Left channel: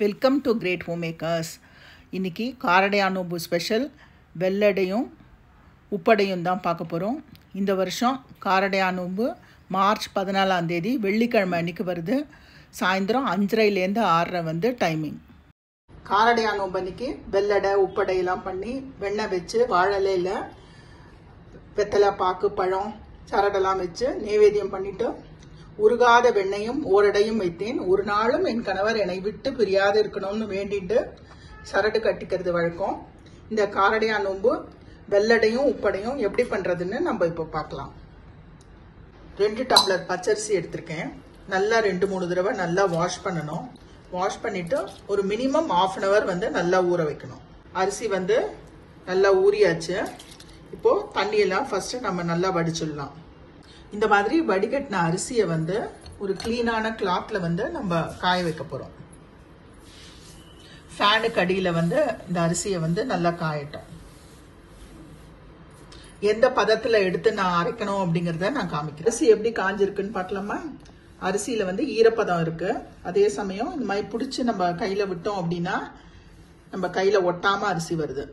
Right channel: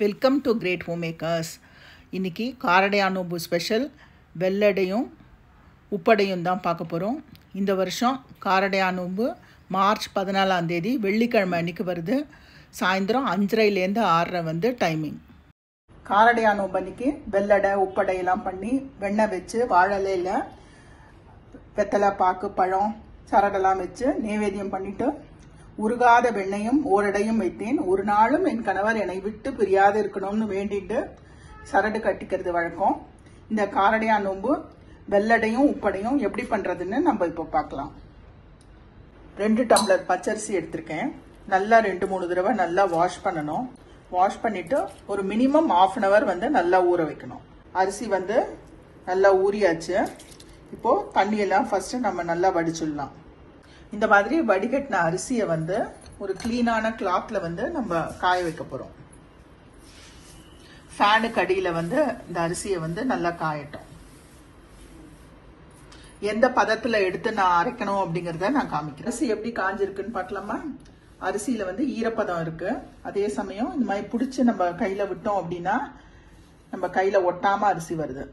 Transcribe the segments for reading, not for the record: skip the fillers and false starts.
Welcome to great homemakers. இன்றைக்கி காரடையா நோம்பு special வெள்ளடையும் உப்படையும் தான் பார்க்க போகிறோம். இந்த வருஷம் காரடையா நோம்பு மார்ச் 14 வெள்ளிக்கிழமை அன்றைக்கி வருது. சாயந்தரம் 5:30லேருந்து 6:30 டைமிங். காரடையா நோம்பு அன்றைக்கி வெள்ளடை உப்படையெல்லாம் பண்ணி வெண்ணெய் வச்சு வாழலையில் வெத்தலை பாக்கு பழம் சரடெல்லாம் வச்சு நைவேத்தியம் பண்ணிவிட்டு உருகாத வெண்ணையும் ஓரடையும் வைத்தேன். ஒரு நாளும் என் கணவர் என்னை விட்டு பிரியாது இருக்கணும்னு வேண்டிட்டு சரடு கட்டிக்கிறது வழக்கம். இந்த காரடையா நோம்பு வெள்ளடையும் உப்படையும் எப்படி பண்றதுன்னு நம்ம இப்போ பார்க்கலாம். 2 டம்ளர் பச்சரிசி எடுத்திருக்கேன். நல்லா 2-3 தடவை நல்லா வாஷ் பண்ணணும். வாஷ் பண்ணிட்டு ஒரு மினிமம் 1/2 hour நல்லா ஊற வைக்கணும். அரிசி நல்லா ஊறியாச்சு. இப்போ தண்ணியெல்லாம் ஃபர்ஸ்ட் நம்ம நல்லா வடிச்சிடலாம். இந்த மாதிரி வடிகட்டின அரிசியை ஒரு கிளீனான கிளாத்ல நம்ம காய வைக்க போறோம். ஃபேனுக்கு அடியில இந்த அரிசியை நல்லா காயட்டும். எந்த பதத்துல எடுத்து நான் அரைக்கணும் அப்படிங்கறத நான் காமிக்கிறேன். அரிசி எப்படி காஞ்சிருக்குன்னு பார்க்கலாமா? அரிசியில ஈரப்பதம் இருக்கு. அதே சமயம் இந்த மாதிரி பிடிச்சி நம்ம கையில விட்டோம் அப்படின்னா நம்ம கையில ஒட்டாம அரிசி வருது.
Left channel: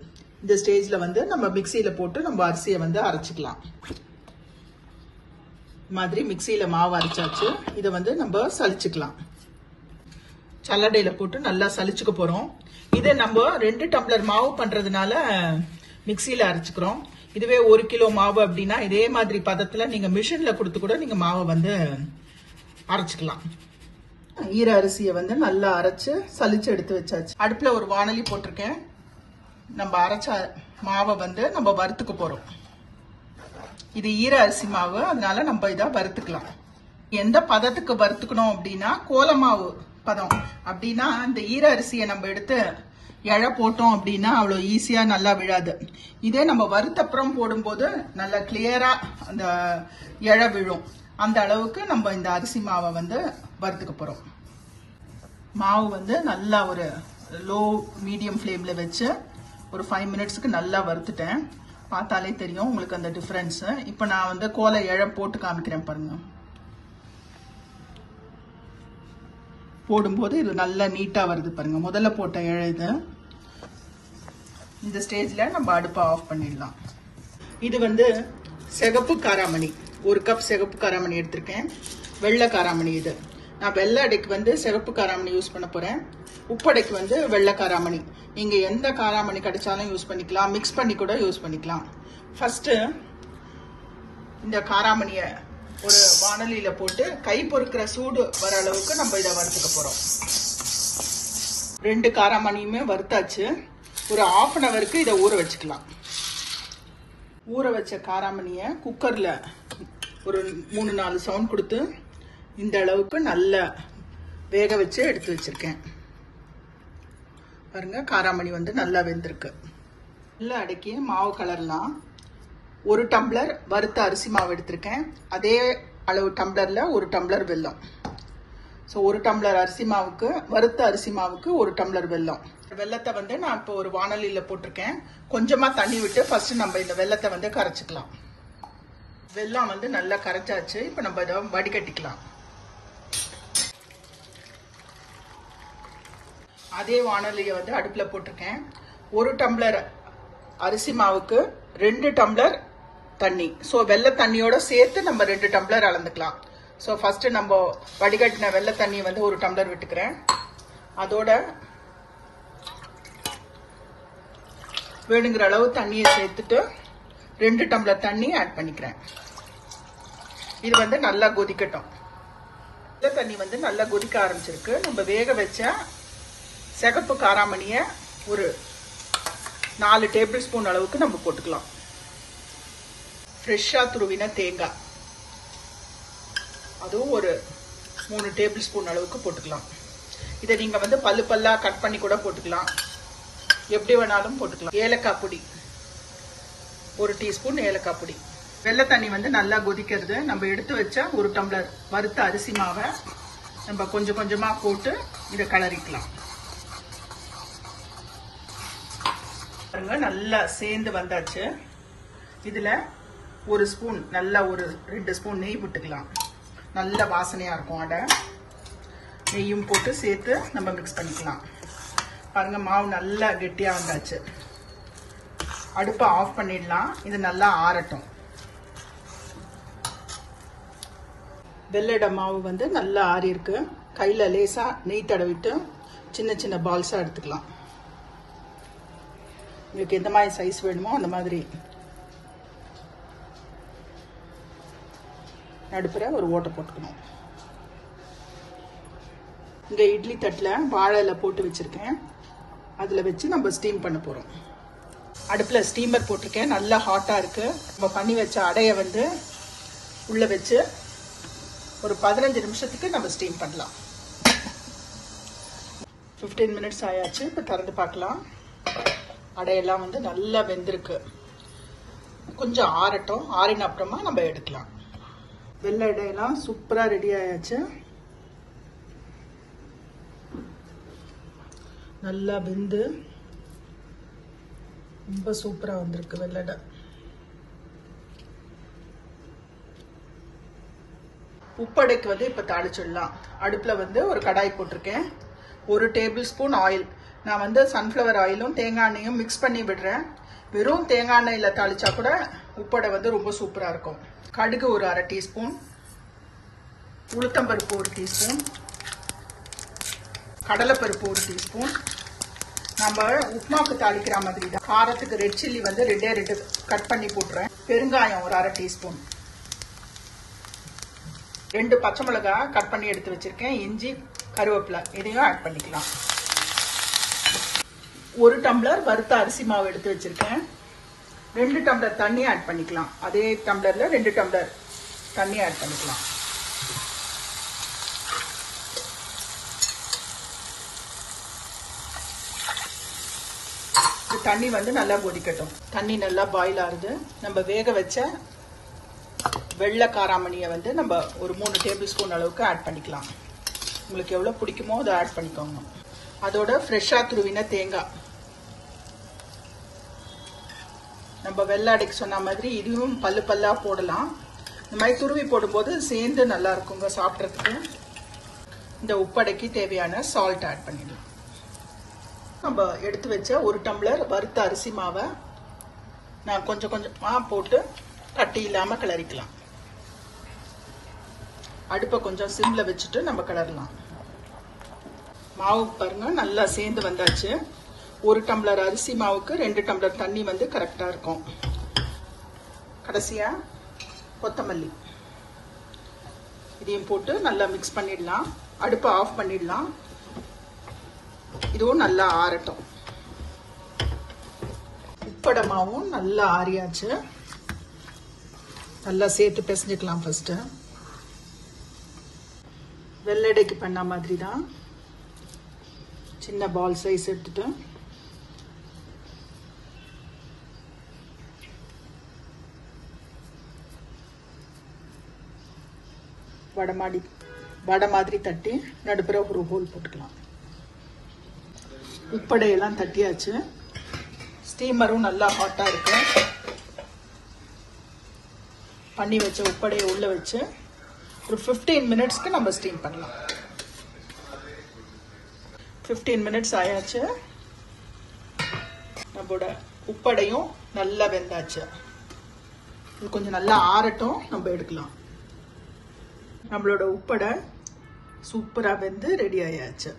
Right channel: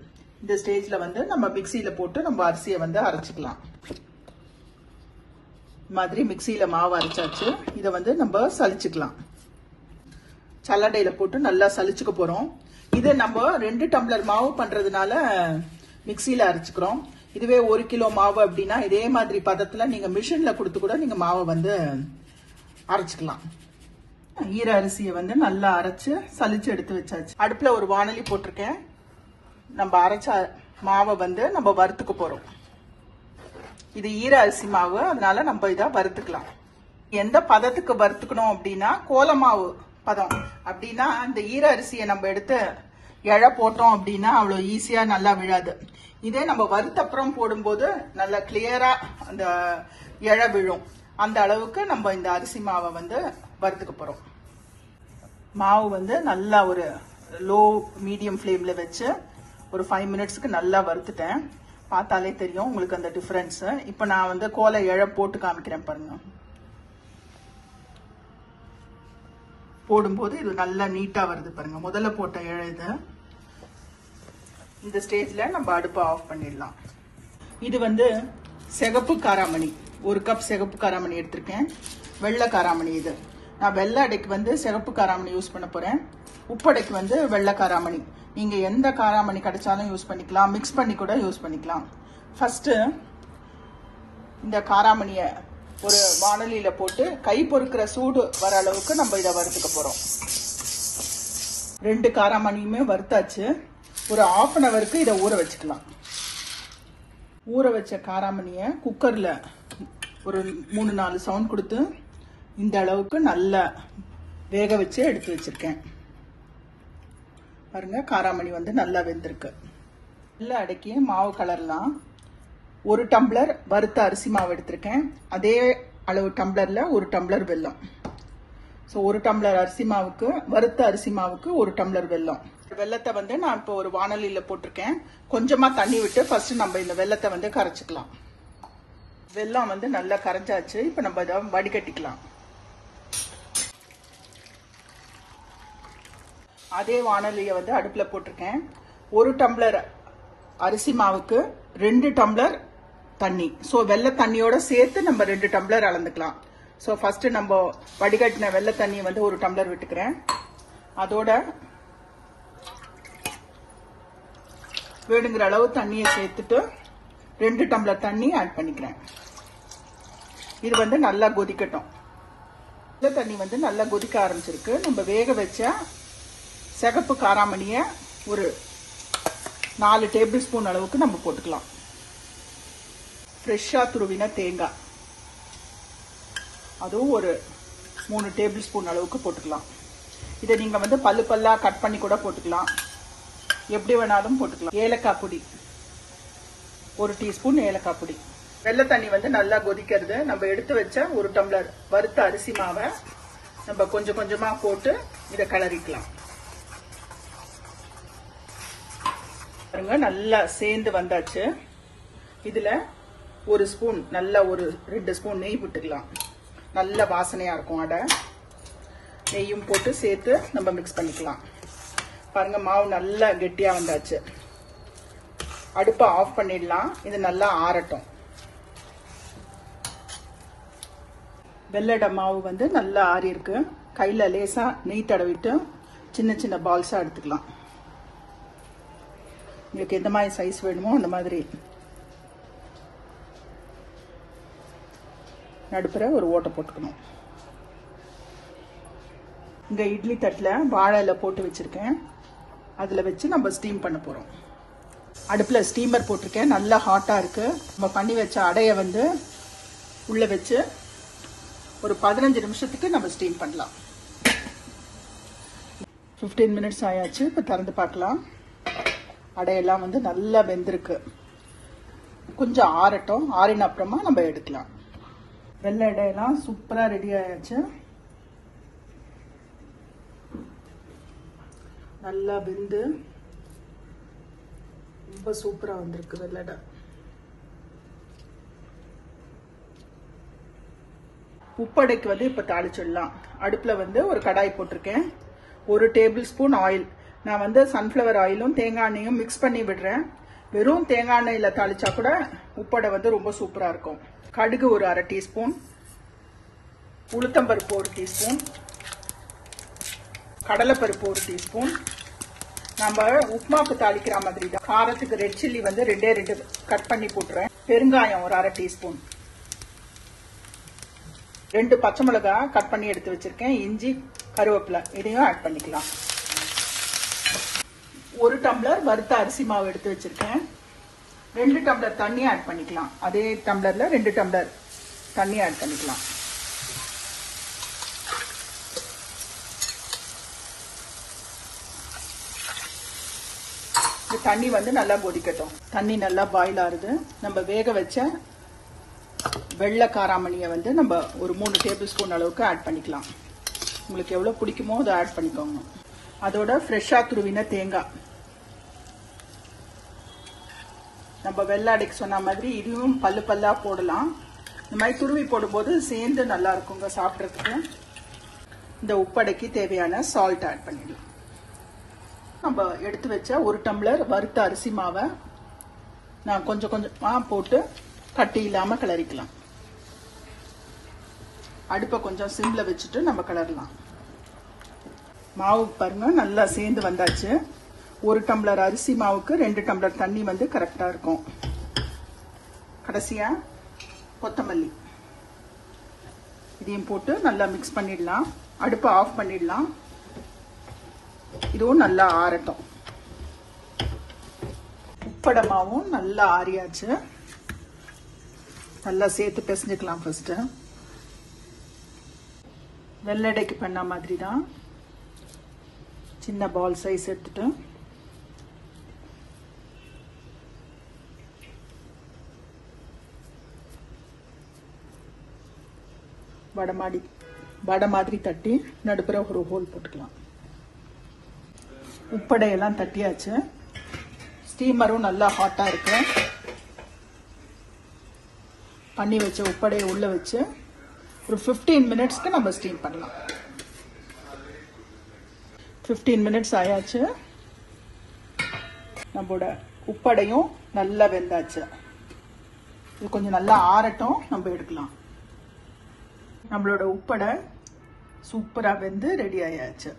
இந்த ஸ்டேஜ்ல நம்ம மிக்சியில போட்டு நம்ம அரிசியை அரைச்சிக்கலாம். மாதிரி மிக்சியில மாவு அரைச்சாச்சு. இதை நம்ம சலிச்சுக்கலாம். சல்லடையில போட்டு நல்லா சலிச்சுக்க போறோம். இது நம்ம 2 டம்ளர் மாவு பண்றதுனால மிக்சியில அரைச்சுக்கிறோம். இதுவே 1 கிலோ மாவு அப்படின்னா இதே மாதிரி பதத்துல நீங்க மிஷின்ல கொடுத்து கூட நீங்க மாவை அரைச்சுக்கலாம். ஈர அரிசியை நல்லா அரைச்சு சலிச்சு எடுத்து வச்சாச்சு. அடுப்புல ஒரு வாணலி போட்டிருக்கேன். நம்ம அரைச்ச மாவை நம்ம வறுத்துக்க போறோம். இது ஈர அரிசி மாவு, அதனால நம்ம இதை வறுத்துக்கலாம். எந்த பதத்துக்கு வறுத்துக்கணும் அப்படின்னா கோலமாவு பதம். அப்படின்னா இந்த ஈர அரிசியை நம்ம எடுத்து இழை போட்டோம் அப்படின்னா அவ்வளவு ஈஸியா நல்லா விழாது. இதே நம்ம வறுத்தப்புறம் போடும்போது நல்லா கிளியரா அந்த இழை விழும். அந்த அளவுக்கு நம்ம இந்த அரிசி மாவை வறுத்துக்க போறோம். மாவு நல்லா ஒரு லோ மீடியம் ஃப்ளேம்ல வச்சு ஒரு 5 மினிட்ஸ்க்கு நல்லா வறுத்துட்டேன். பார்த்தாலே தெரியும் உங்களுக்கு அந்த டிஃபரன்ஸ். இப்ப நான் கோலை இழை போட்டு காமிக்கிறேன் பாருங்க. போடும்போது இது நல்லா நீட்டா வருது பாருங்க. முதல்ல போட்ட இழை இது. இந்த ஸ்டேஜ்ல நம்ம அடுப்பை ஆஃப் பண்ணிடலாம். இது சிகப்பு காராமணி. 1 கப் சிகப்பு காராமணி எடுத்திருக்கேன். வெள்ளை காராமணி இது. நான் வெள்ளை அடைக்கு சிகப்பு காராமணி யூஸ் பண்ண போறேன். உப்படைக்கு வெள்ளை காராமணி. நீங்க எந்த காராமணி கிடைச்சாலும் யூஸ் பண்ணிக்கலாம். மிக்ஸ் பண்ணி கூட யூஸ் பண்ணிக்கலாம். ஃபர்ஸ்ட் இந்த காராமணிய ஒரு வாணலியில போட்டு கை பொறுக்கிற சூடு வர அளவுக்கு நம்ம இதை வறுத்துக்க போறோம். 2 காராமணியுமே வறுத்தாச்சு. ஒரு 1/2 hourக்கு இதை ஊற வச்சுக்கலாம். ஊற வச்ச காராமணிய குக்கர்ல ஒரு 3-4 சவுண்ட் கொடுத்து இந்த அளவுக்கு நல்லா வேக வச்சு எடுத்து வச்சிருக்கேன். பாருங்க, காராமணி நல்லா வெந்திருக்கு. நல்லா அடக்கி மாவு கலரலாம். 1 டம்ளர் வறுத்த அரிசி மாவு எடுத்திருக்கேன். அதே அளவு டம்ளர்ல 1 டம்ளர் வெல்லம். ஸோ 1 டம்ளர் அரிசி மாவுக்கு வறுத்த அரிசி மாவுக்கு 1 டம்ளர் வெல்லம். வெல்லத்தை நான் இப்போ ஒரு வாணலியில போட்டிருக்கேன். கொஞ்சமா தண்ணி விட்டு ஃபர்ஸ்ட் நம்ம இந்த வெல்லத்தை கரைச்சிக்கலாம். வெல்லம் நல்லா கரைச்சாச்சு. இப்போ நம்ம இதை வடிகட்டிக்கலாம். அதே வாணலியை அடுப்புல போட்டிருக்கேன். 1 டம்ளர் அரிசி மாவுக்கு 2 டம்ளர் தண்ணி. ஸோ வெள்ளை தண்ணியோட சேர்த்து நம்ம 2 டம்ளர் அளந்துக்கலாம். ஸோ ஃபர்ஸ்ட் நம்ம வடிகட்டின வெள்ளை தண்ணி 1 டம்ளர் விட்டுக்கிறேன். அதோட வேணுங்கிற அளவு தண்ணியை சேர்த்துட்டு 2 டம்ளர் தண்ணி ஆட் பண்ணிக்கிறேன். இது நல்லா கொதிக்கட்டும். வெள்ளை தண்ணி நல்லா கொதிக்க ஆரம்பிச்சிருக்கு. நம்ம வேக வச்ச சிகப்பு காராமணிய ஒரு 4 டேபிள் ஸ்பூன் அளவுக்கு நம்ம போட்டுக்கலாம். ஃப்ரெஷ்ஷா துருவின தேங்காய் அதுவும் ஒரு 3 டேபிள் ஸ்பூன் அளவுக்கு போட்டுக்கலாம். இதை நீங்க பல்லு பல்லா கட் பண்ணி கூட போட்டுக்கலாம். எப்படி வேணாலும் போட்டுக்கலாம். ஏலக்காய் பொடி 1 டீஸ்பூன் ஏலக்காய் பொடி. வெள்ளை தண்ணி நல்லா கொதிக்கிறது. நம்ம எடுத்து வச்ச 1 டம்ளர் வறுத்த அரிசி மாவை நம்ம கொஞ்சம் கொஞ்சமா போட்டு இதை கிளறிக்கலாம். நல்லா சேர்ந்து வந்தாச்சு. இதுல 1 ஸ்பூன் நல்லா ஒரு 2 ஸ்பூன் நெய் விட்டுக்கலாம். நல்ல வாசனையா இருக்கும் அடை. நெய்யும் போட்டு சேர்த்து நம்ம மிக்ஸ் பண்ணிக்கலாம். பாருங்க மாவு நல்லா கெட்டியா வந்தாச்சு. அடுப்பை ஆஃப் பண்ணிடலாம். இது நல்லா ஆறட்டும். வெள்ளட மாவு வந்து நல்லா ஆறி இருக்கு. கையில லேசா நெய் தடவிட்டு சின்ன சின்ன பால்ஸா எடுத்துக்கலாம். உங்களுக்கு எந்த மாதிரி சைஸ் வேணுமோ அந்த மாதிரி நடுப்புற ஒரு ஓட்டை போட்டுக்கணும். இந்த இட்லி தட்டில் வாழை இலை போட்டு வச்சிருக்கேன். அதில் வச்சு நம்ம ஸ்டீம் பண்ண போகிறோம். அடுப்பில் ஸ்டீமர் போட்டிருக்கேன். நல்லா ஹாட்டாக இருக்கு. நம்ம பண்ணி வச்ச அடையை வந்து உள்ள வச்சு ஒரு 15 நிமிஷத்துக்கு நம்ம ஸ்டீம் பண்ணலாம். 15 மினிட்ஸ் ஆயாச்சு. இப்போ திறந்து பார்க்கலாம். அடையெல்லாம் வந்து நல்லா வெந்திருக்கு. கொஞ்சம் ஆறட்டும். ஆறின அப்புறமா நம்ம எடுக்கலாம். வெள்ளை அடையெல்லாம் சூப்பரா ரெடி ஆயாச்சு. நல்லா வெந்து ரொம்ப சூப்பரா வந்திருக்கு வெள்ளை அடை. உப்படைக்கு வந்து இப்ப தாளிச்சிடலாம். அடுப்புல வந்து ஒரு கடாய் போட்டிருக்கேன். 1 டேபிள் ஸ்பூன் ஆயில். நான் வந்து சன்ஃப்ளவர் ஆயிலும் தேங்காய் எண்ணெயும் மிக்ஸ் பண்ணி விடுறேன். வெறும் தேங்காய் எண்ணெயில தாளிச்சா கூட உப்படை வந்து ரொம்ப சூப்பரா இருக்கும். கடுகு ஒரு 1/2 டீஸ்பூன், உளுத்தம்பருப்பு 1 டீஸ்பூன், கடலைப்பருப்பு 1 டீஸ்பூன். நம்ம உப்மாவுக்கு தாளிக்கிற மாதிரி தான். காரத்துக்கு ரெட் சில்லி வந்து 2 கட் பண்ணி போட்டுறேன். பெருங்காயம் ஒரு 1/2 டீஸ்பூன், 2 பச்சை மிளகாய் கட் பண்ணி எடுத்து வச்சிருக்கேன். இஞ்சி, கருவேப்பிலை இதையும் ஆட் பண்ணிக்கலாம். 1 டம்ளர் வறுத்த அரிசி மாவு எடுத்து வச்சிருக்கேன். 2 டம்ளர் தண்ணி ஆட் பண்ணிக்கலாம். அதே டம்ளர்ல 2 டம்ளர் தண்ணி ஆட் பண்ணிக்கலாம். தண்ணி வந்து நல்லா கொதிக்கட்டும். தண்ணி நல்லா பாயில் ஆகுது. நம்ம வேக வச்ச வெள்ளை காராமணியை வந்து நம்ம ஒரு 3 டேபிள் ஸ்பூன் அளவுக்கு ஆட் பண்ணிக்கலாம். உங்களுக்கு எவ்வளவு பிடிக்குமோ அதை ஆட் பண்ணிக்கோங்க. அதோட ஃப்ரெஷ்ஷா துருவின தேங்காய். நம்ம வெள்ளை அடைக்கு சொன்ன மாதிரி இதுவும் பல்லு பல்லா போடலாம். இந்த மாதிரி துருவி போடும்போது சேர்ந்து நல்லா இருக்குங்க சாப்பிட்றதுக்கு. இந்த உப்படைக்கு தேவையான சால்ட் ஆட் பண்ணிடலாம். நம்ம எடுத்து வச்ச 1 டம்ளர் வறுத்த அரிசி மாவை நான் கொஞ்சம் கொஞ்சமா போட்டு கட்டி இல்லாம கிளறிக்கலாம். அடுப்பை கொஞ்சம் சிம்ல வச்சுட்டு நம்ம கிளறலாம். மாவு பாருங்க நல்லா சேர்ந்து வந்தாச்சு. 1 டம்ளர் அரிசி மாவுக்கு 2 டம்ளர் தண்ணி வந்து கரெக்டா இருக்கும். கடைசியா கொத்தமல்லி இதையும் போட்டு நல்லா மிக்ஸ் பண்ணிடலாம். அடுப்பை ஆஃப் பண்ணிடலாம். இதுவும் நல்லா ஆறட்டும். உப்படை மாவும் நல்லா ஆறியாச்சு. நல்லா சேர்த்து பிசைஞ்சுக்கலாம். ஃபர்ஸ்ட் வெள்ளடைக்கு பண்ண மாதிரி தான் சின்ன பால் சைஸ் எடுத்துட்டு வடை மாதிரி தட்டி நடுப்புற ஒரு ஹோல் போட்டுக்கலாம். உப்படையெல்லாம் தட்டியாச்சு. ஸ்டீமரும் நல்லா ஹாட்டா இருக்கு. பண்ணி வச்ச உப்படையை உள்ள வச்சு ஒரு 15 மினிட்ஸ்க்கு நம்ம ஸ்டீம் பண்ணலாம். 15 மினிட்ஸ் ஆயாச்சு. நம்மளோட உப்படையும் நல்லா வெந்தாச்சு. கொஞ்சம் நல்லா ஆறட்டும், நம்ம எடுக்கலாம். நம்மளோட உப்படை சூப்பரா வெந்து ரெடி ஆயாச்சு.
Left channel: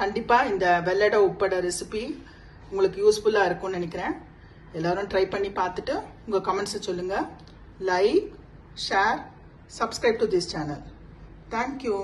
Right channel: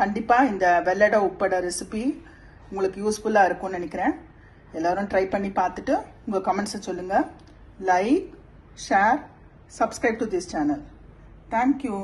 கண்டிப்பா இந்த வெள்ளடை உப்படை ரெசிபி உங்களுக்கு யூஸ்ஃபுல்லா இருக்கும்னு நினைக்கிறேன். எல்லாரும் ட்ரை பண்ணி பார்த்துட்டு உங்க கமெண்ட்ஸை சொல்லுங்க. Like, share, subscribe to this channel. Thank you.